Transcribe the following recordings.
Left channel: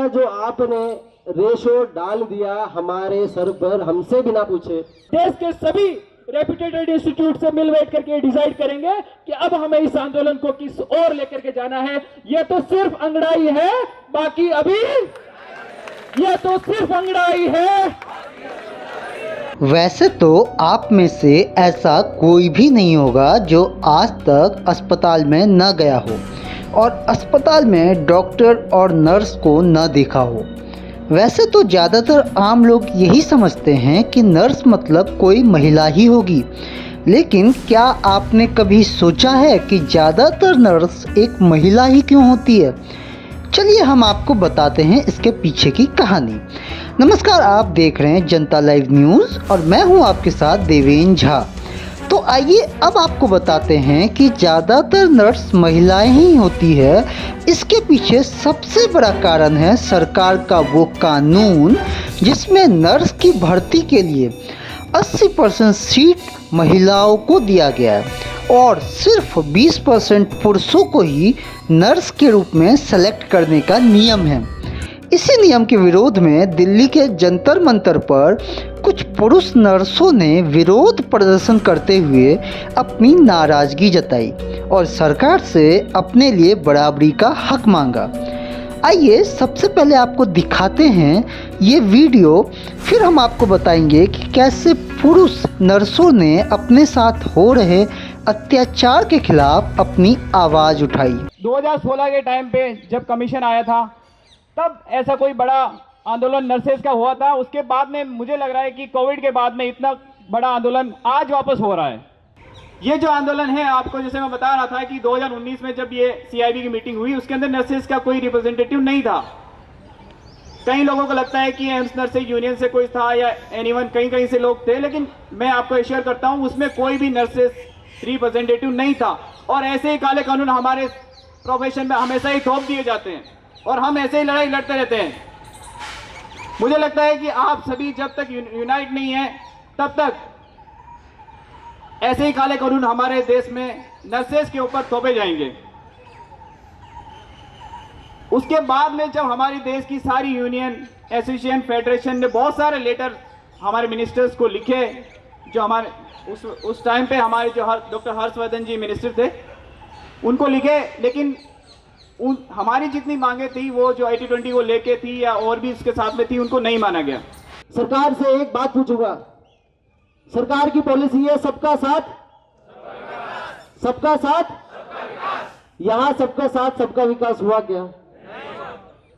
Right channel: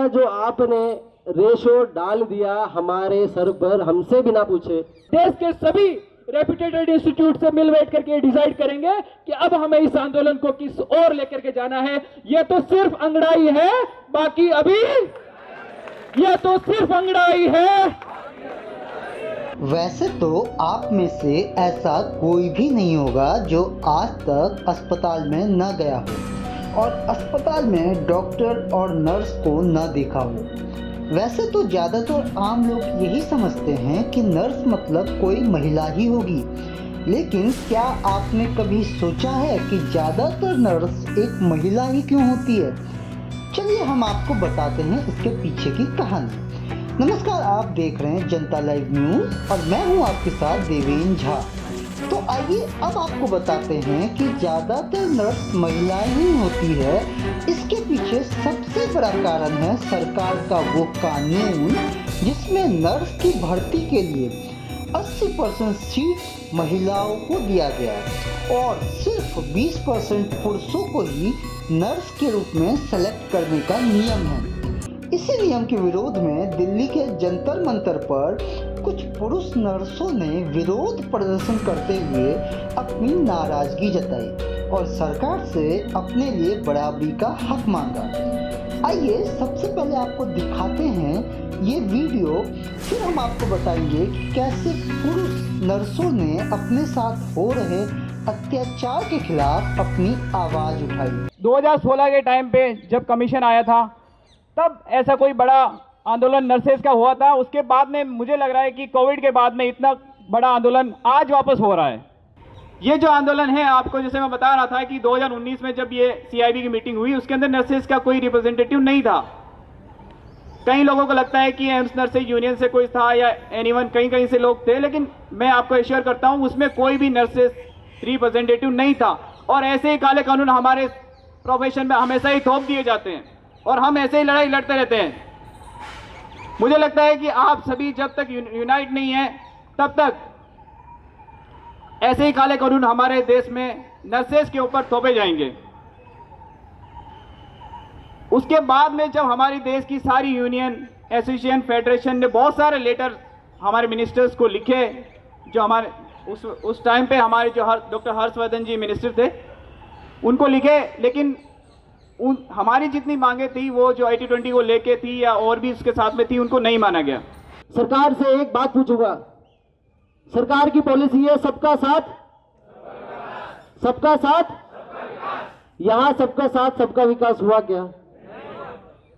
का जो आपने रेशो डाल दिया हमारे सर पर हमसे बिना पूछे, देश के सभी रेप्यूटेड इंस्टीट्यूट से मिल बैठ करके डिसाइड करेंगे कि अब हमें इस आंदोलन को किस ओर लेकर के जाना है। यह तो सिर्फ अंगड़ाई है, बाकी अभी यह तो सिर्फ अंगड़ाई है। वैसे तो आप में से ऐसा कोई भी नहीं होगा जो आज तक अस्पताल में न गया हो और अस्पताल में डॉक्टर और नर्स को न देखा हो। वैसे तो ज़्यादातर आम लोग यही समझते हैं कि नर्स मतलब कोई महिला ही होगी, लेकिन क्या आपने कभी सोचा है कि ज़्यादातर नर्स एक महिला ही क्यों होती है? चलिए हम आपको बताते हैं इसके पीछे की कहानी। नमस्कार, आप देख रहे हैं जनता लाइव न्यूज़ और मैं हूं आपके साथ देवेन झा। तो आइए अब आपको बताते हैं कि ज़्यादातर नर्स महिलाएं ही होती है। इसके पीछे सबसे बड़ा कारण है सरकार का वो कानून जिसमें नर्स की भर्ती के लिए 80% सीट महिलाओं को दिया गया है और सिर्फ 20% पुरुषों को ही नर्स के रूप में सेलेक्ट करने का नियम है। इसी नियम के विरोध में दिल्ली के जंतर मंतर पर कुछ पुरुष नर्सों ने विरोध प्रदर्शन करते हुए अपनी नाराजगी जताई और सरकार से अपने लिए बराबरी का हक मांगा। आइए सबसे पहले आपको दिखाते हैं ये वीडियो, फिर हम आपको बताएंगे कि कैसे पुरुष नर्सों ने अपने साथ हो रहे अत्याचार के खिलाफ अपनी आवाज़ उठाई। 2016 के टाइम पे जब कमीशन आया था तब ऐसा कोई बड़ा आंदोलन नर्सेज का हुआ था। उसके बाद में मुझे लग रहा है कि कोविड के बाद में इतना बड़ा आंदोलन आज वापस हो रहा है। ये जो आंदोलन है, आपको जैसे मैं बता रहा था कि 2019 में जब ये सीआईबी की मीटिंग हुई उसके अंदर नर्सेज का कोई रिप्रेजेंटेटिव नहीं था। कई लोगों को लगता है कि एम्स नर्सेज यूनियन से कोई था या एनीवन, कहीं कहीं से लोग थे, लेकिन मैं आपको एश्योर करता हूं उसमें कोई भी नर्सेज रिप्रेजेंटेटिव नहीं था। और ऐसे ही काले कानून हमारे प्रोफेशन में हमेशा ही थोप दिए जाते हैं और हम ऐसे ही लड़ाई लड़ते रहते हैं। मुझे लगता है कि आप सभी जब तक यूनाइट नहीं है तब तक ऐसे ही काले कानून हमारे देश में नर्सेज के ऊपर थोपे जाएंगे। उसके बाद में जब हमारी देश की सारी यूनियन, एसोसिएशन, फेडरेशन ने बहुत सारे लेटर हमारे मिनिस्टर्स को लिखे, जो हमारे उस टाइम पे हमारे जो डॉक्टर हर्षवर्धन जी मिनिस्टर थे उनको लिखे, लेकिन हमारी जितनी मांगे थी वो जो 80-20 को लेके थी या और भी इसके साथ में थी, उनको नहीं माना गया। सरकार से एक बात पूछूंगा, सरकार की पॉलिसी है सबका साथ सबका साथ। यहां सबका साथ सबका विकास हुआ क्या?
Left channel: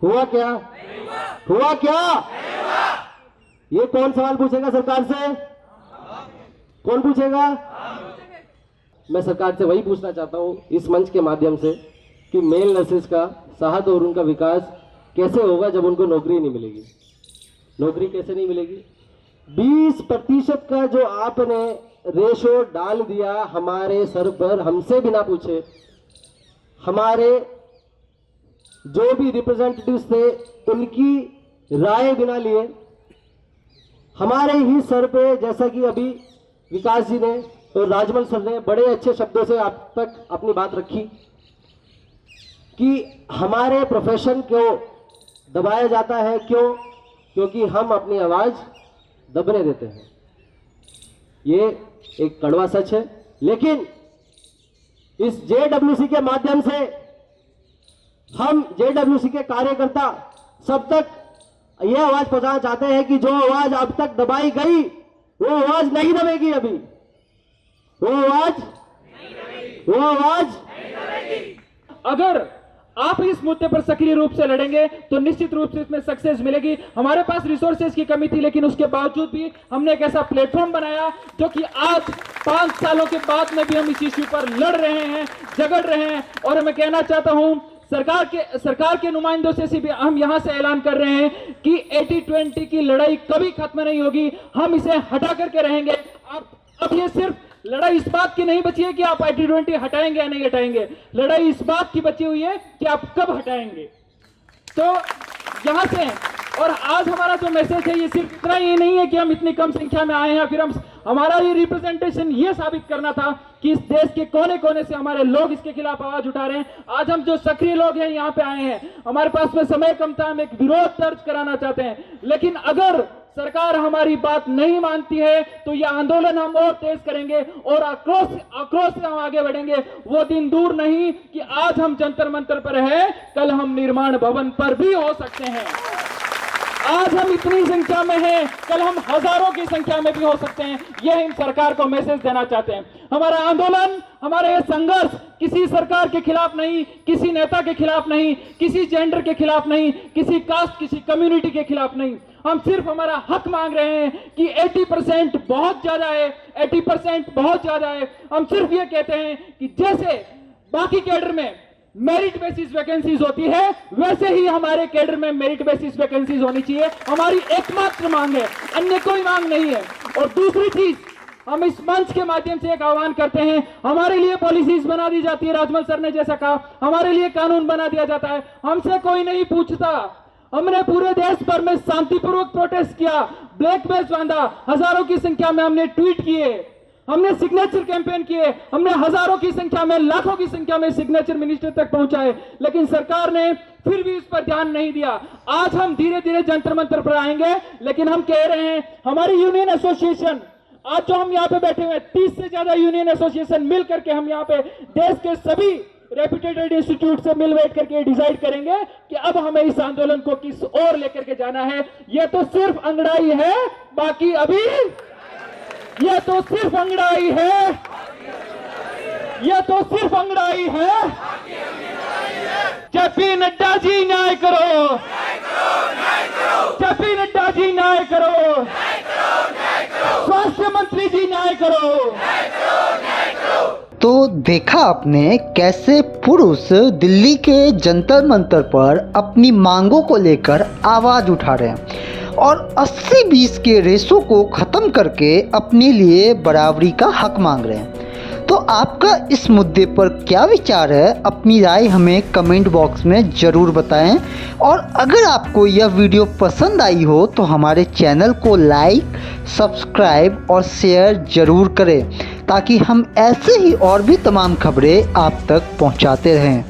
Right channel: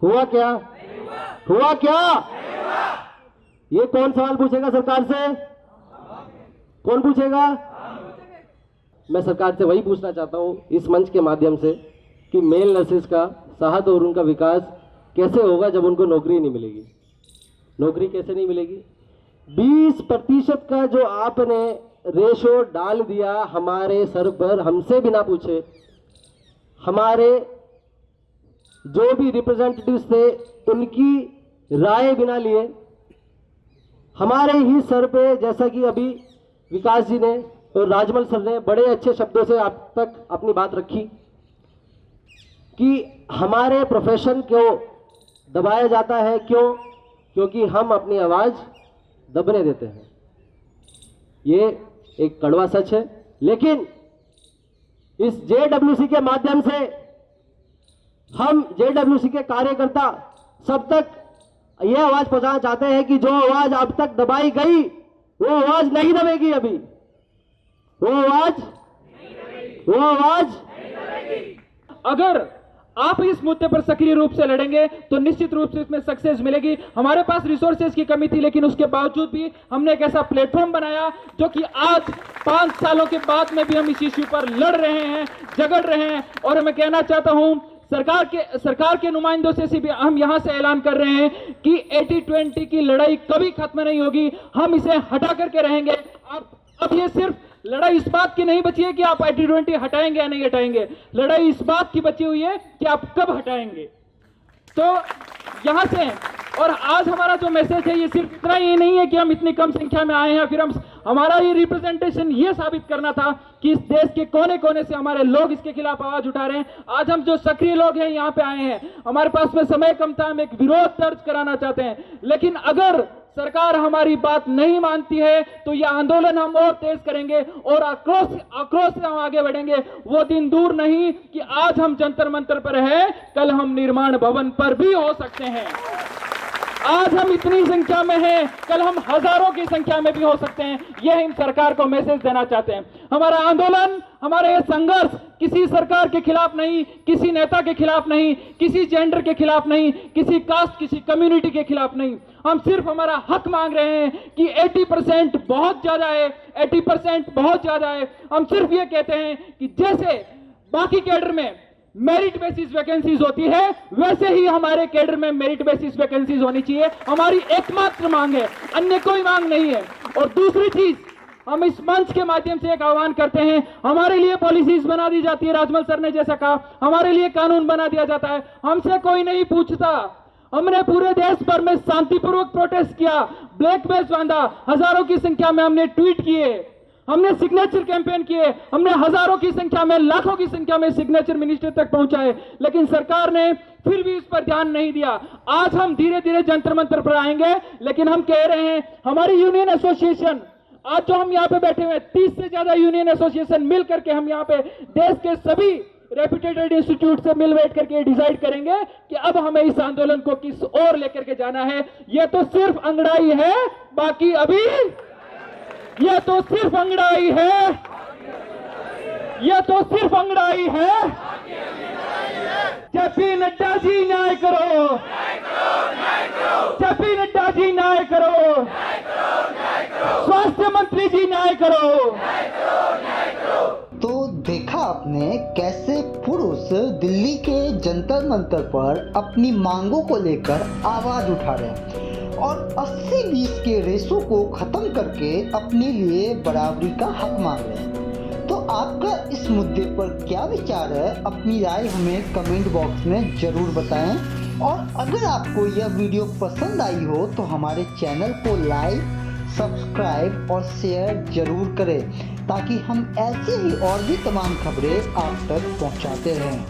हुआ क्या? हुआ क्या? ये कौन सवाल पूछेगा सरकार से? कौन पूछेगा? मैं सरकार से वही पूछना चाहता हूं इस मंच के माध्यम से कि मेल नर्सेज का साहस और उनका विकास कैसे होगा जब उनको नौकरी नहीं मिलेगी? नौकरी कैसे नहीं मिलेगी? 20% का जो आपने रेशो डाल दिया हमारे सर पर हमसे बिना पूछे, हमारे जो भी रिप्रेजेंटेटिव्स थे उनकी राय बिना लिए, हमारे ही सर पे, जैसा कि अभी विकास जी ने और राजमल सर ने बड़े अच्छे शब्दों से आप तक अपनी बात रखी कि हमारे प्रोफेशन को दबाया जाता है। क्यों? क्योंकि हम अपनी आवाज दबने देते हैं। ये एक कड़वा सच है, लेकिन इस जेडब्ल्यूसी के माध्यम से हम जेडब्ल्यूसी के कार्यकर्ता सब तक यह आवाज पहुंचाना चाहते हैं कि जो आवाज अब तक दबाई गई वो आवाज नहीं दबेगी। अभी वो आवाज अगर आप इस मुद्दे पर सक्रिय रूप से लड़ेंगे तो निश्चित रूप से इसमें सक्सेस मिलेगी। हमारे पास रिसोर्सेज की कमी थी, लेकिन उसके बावजूद भी हमने एक ऐसा प्लेटफॉर्म बनाया जो कि आज 5 सालों के बाद में भी हम इस इश्यू पर लड़ रहे हैं, झगड़ रहे हैं। और मैं कहना चाहता हूं सरकार के नुमाइंदों से भी हम यहां से ऐलान कर रहे हैं कि 80-20 की लड़ाई कभी खत्म नहीं होगी, हम इसे हटा करके रहेंगे। अब ये सिर्फ लड़ाई इस बात की नहीं बची है कि आप 80-20 हटाएंगे या नहीं हटाएंगे, लड़ाई इस बात की बची हुई है कि आप कब हटाएंगे। तो यहां से और आज हमारा जो मैसेज है ये सिर्फ इतना ही नहीं है कि हम इतनी कम संख्या में आए हैं, फिर हमारा ये रिप्रेजेंटेशन ये साबित करना था कि इस देश के कोने कोने से हमारे लोग इसके खिलाफ आवाज उठा रहे हैं। आज हम जो सक्रिय लोग हैं यहाँ पे आए हैं, हमारे पास में समय कम था, हम एक विरोध दर्ज कराना चाहते हैं, लेकिन अगर सरकार हमारी बात नहीं मानती है तो यह आंदोलन हम और तेज करेंगे और आक्रोश से हम आगे बढ़ेंगे। वो दिन दूर नहीं कि आज हम जंतर मंतर पर है, कल हम निर्माण भवन पर भी हो सकते हैं। आज हम इतनी संख्या में हैं, कल हम हजारों की संख्या में भी हो सकते हैं। यह हम सरकार को मैसेज देना चाहते हैं। हमारा आंदोलन, हमारा यह संघर्ष किसी सरकार के खिलाफ नहीं, किसी नेता के खिलाफ नहीं, किसी जेंडर के खिलाफ नहीं, किसी कास्ट, किसी कम्युनिटी के खिलाफ नहीं। हम सिर्फ हमारा हक मांग रहे हैं कि 80% बहुत ज्यादा है, 80% बहुत ज्यादा है। हम सिर्फ ये कहते हैं कि जैसे बाकी कैडर में मेरिट बेसिस वैकेंसीज होती है, वैसे ही हमारे कैडर में मेरिट बेसिस वैकेंसीज होनी चाहिए। हमारी एकमात्र मांग है, अन्य कोई मांग नहीं है। और दूसरी चीज, हम इस मंच के माध्यम से एक आह्वान करते हैं, हमारे लिए पॉलिसीज बना दी जाती है, राजमल सर ने जैसा कहा, हमारे लिए कानून बना दिया जाता है, हमसे कोई नहीं पूछता। हमने पूरे देश भर में शांतिपूर्वक प्रोटेस्ट किया, ब्लैक बैच बांधा, हजारों की संख्या में हमने ट्वीट किए, हमने सिग्नेचर कैंपेन किए, हमने हजारों की संख्या में, लाखों की संख्या में सिग्नेचर मिनिस्टर तक पहुंचाए, लेकिन सरकार ने फिर भी इस पर ध्यान नहीं दिया। आज हम धीरे धीरे जंतर मंतर पर आएंगे, लेकिन हम कह रहे हैं हमारी यूनियन एसोसिएशन, आज जो हम यहाँ पे बैठे हुए 30 से ज्यादा यूनियन एसोसिएशन मिल करके हम यहाँ पे देश के सभी रेप्यूटेड इंस्टीट्यूट से मिल बैठ करके डिसाइड करेंगे कि अब हमें इस आंदोलन को किस ओर लेकर के जाना है। यह तो सिर्फ अंगड़ाई है, बाकी अभी यह तो सिर्फ अंगड़ाई है, यह तो सिर्फ अंगड़ाई है। जेपी नड्डा जी न्याय करो, जेपी नड्डा जी न्याय करो, स्वास्थ्य मंत्री जी न्याय करो। तो देखा आपने कैसे पुरुष दिल्ली के जंतर मंतर पर अपनी मांगों को लेकर आवाज उठा रहे हैं और 80-20 के रेशो को ख़त्म करके अपने लिए बराबरी का हक मांग रहे हैं। तो आपका इस मुद्दे पर क्या विचार है, अपनी राय हमें कमेंट बॉक्स में ज़रूर बताएं। और अगर आपको यह वीडियो पसंद आई हो तो हमारे चैनल को लाइक, सब्सक्राइब और शेयर ज़रूर करें, ताकि हम ऐसे ही और भी तमाम खबरें आप तक पहुंचाते रहें।